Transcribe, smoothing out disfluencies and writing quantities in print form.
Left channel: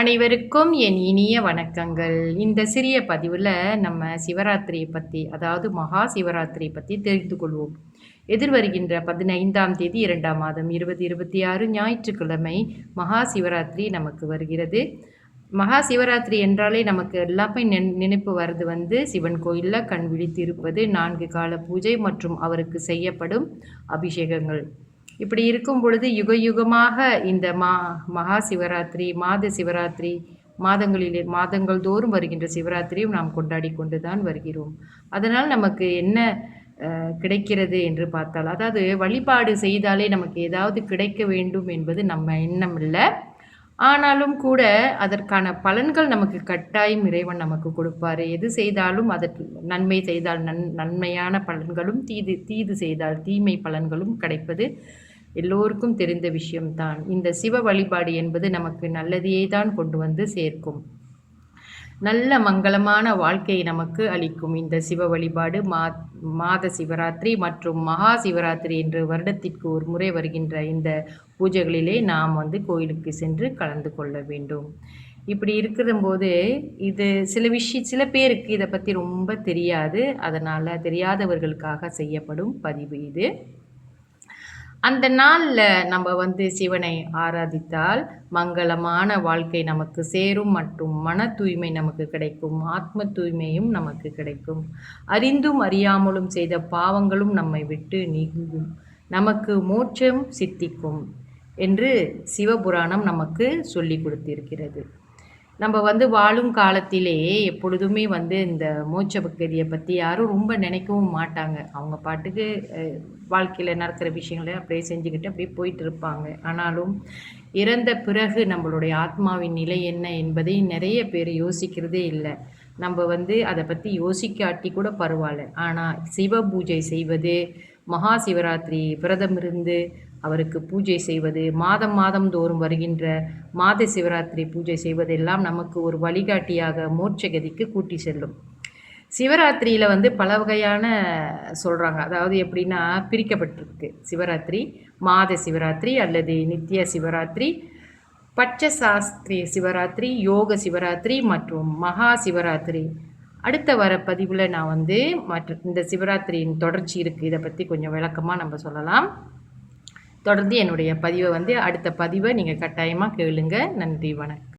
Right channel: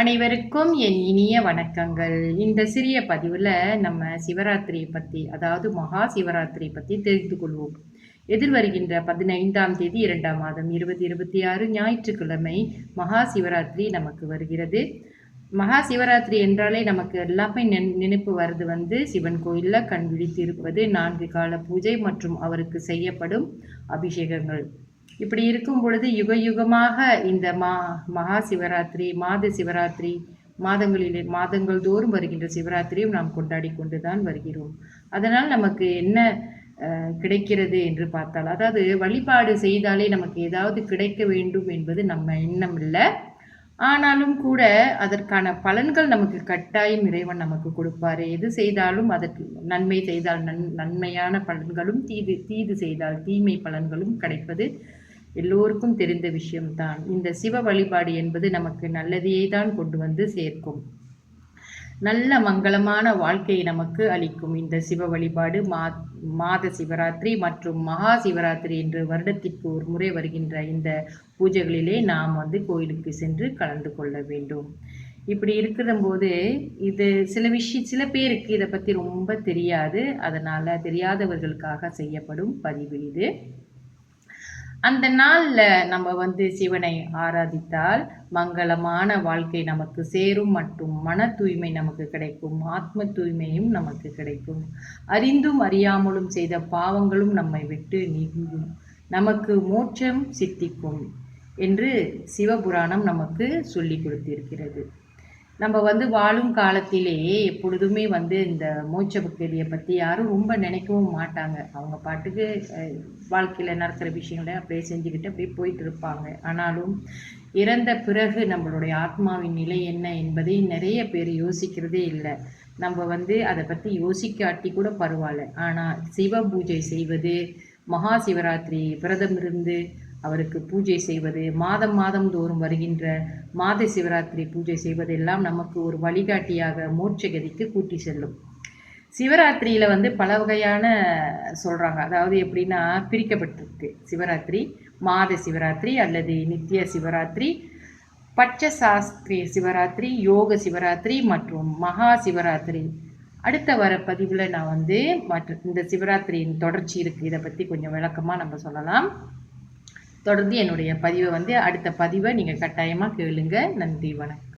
அனைவருக்கும் என் இனிய வணக்கங்கள். இந்த சிறிய பதிவில் நம்ம சிவராத்திரியை பற்றி, அதாவது மகா சிவராத்திரியை பற்றி தெரிந்து கொள்வோம். எதிர்வருகின்ற 15ஆம் தேதி 2ஆம் மாதம் 2026 ஞாயிற்றுக்கிழமை மகா சிவராத்திரி நமக்கு வருகிறது. மகா சிவராத்திரி என்றாலே நமக்கு எல்லாமே நினைப்பு வருது சிவன் கோயிலில் கண் விழித்து இருப்பது, 4 கால பூஜை மற்றும் அவருக்கு செய்யப்படும் அபிஷேகங்கள். இப்படி இருக்கும் பொழுது யுக யுகமாக இந்த மகா சிவராத்திரி, மாத சிவராத்திரி, மாதங்கள் தோறும் வருகின்ற சிவராத்திரியும் நாம் கொண்டாடி கொண்டு தான் வருகிறோம். அதனால் நமக்கு என்ன கிடைக்கிறது என்று பார்த்தால், அதாவது வழிபாடு செய்தாலே நமக்கு ஏதாவது கிடைக்க வேண்டும் என்பது நம்ம எண்ணம் இல்லை. ஆனாலும் கூட அதற்கான பலன்கள் நமக்கு கட்டாயம் இறைவன் நமக்கு கொடுப்பாரு. எது செய்தாலும் அதற்கு நன்மை செய்தால் நன்மையான பலன்களும், தீது செய்தால் தீமை பலன்களும் கிடைப்பது எல்லோருக்கும் தெரிந்த விஷயம்தான். இந்த சிவ வழிபாடு என்பது நமக்கு நல்லதையே தான் கொண்டு வந்து சேர்க்கும். நல்ல மங்களமான வாழ்க்கையை நமக்கு அளிக்கும் இந்த சிவ வழிபாடு. மாத சிவராத்திரி மற்றும் மகா சிவராத்திரி என்று வருடத்திற்கு ஒரு முறை வருகின்ற இந்த பூஜைகளிலே நாம் கோயிலுக்கு சென்று கலந்து கொள்ள வேண்டும். இப்படி இருக்கிற போது இது சில பேருக்கு இதை பற்றி ரொம்ப தெரியாது. அதனால் தெரியாதவர்களுக்காக செய்யப்படும் பதிவு இது. அந்த நாளில் நம்ம சிவனை ஆராதித்தால் மங்களமான வாழ்க்கை நமக்கு சேரும் மற்றும் மன தூய்மை நமக்கு கிடைக்கும், ஆத்ம தூய்மையும் நமக்கு கிடைக்கும். அறிந்தும் அறியாமலும் செய்த பாவங்களும் நம்மை விட்டு நீங்கும், நமக்கு மோட்சம் சித்திக்கும் என்று சிவபுராணம் நமக்கு சொல்லி கொடுத்திருக்கிறது. நம்ம வாழும் காலத்திலே எப்பொழுதுமே இந்த மோட்ச பக்தியை பற்றி யாரும் ரொம்ப நினைக்கவும் மாட்டாங்க. அவங்க பாட்டுக்கு வாழ்க்கையில் நடக்கிற விஷயங்களை அப்படியே செஞ்சுக்கிட்டு அப்படியே போயிட்டு இருப்பாங்க. ஆனாலும் இறந்த பிறகு நம்மளுடைய ஆத்மாவின் நிலை என்ன என்பதை நிறைய பேர் யோசிக்கிறதே இல்லை. நம்ம அதை பற்றி யோசிக்காட்டி கூட பரவாயில்ல. ஆனால் சிவ பூஜை செய்வது, மகா சிவராத்திரி விரதம் இருந்து அவருக்கு பூஜை செய்வது, மாதம் தோறும் வருகின்ற மாத சிவராத்திரி பூஜை செய்வதெல்லாம் நமக்கு ஒரு வழிகாட்டியாக மோட்சகதிக்கு கூட்டி செல்லும். சிவராத்திரியில் பல வகையான சொல்கிறாங்க. அதாவது எப்படின்னா பிரிக்கப்பட்டிருக்கு சிவராத்திரி. மாத சிவராத்திரி அல்லது நித்திய சிவராத்திரி, பட்சசாஸ்திரிய சிவராத்திரி, யோக சிவராத்திரி மற்றும் மகா சிவராத்திரி. அடுத்த வர பதிவில் நான் இந்த சிவராத்திரியின் தொடர்ச்சி இருக்குது. இதை பற்றி கொஞ்சம் விளக்கமாக நம்ம சொல்லலாம். தொடர்ந்து என்னுடைய பதிவை அடுத்த பதிவை நீங்கள் கட்டாயமாக கேளுங்க. நன்றி, வணக்கம்.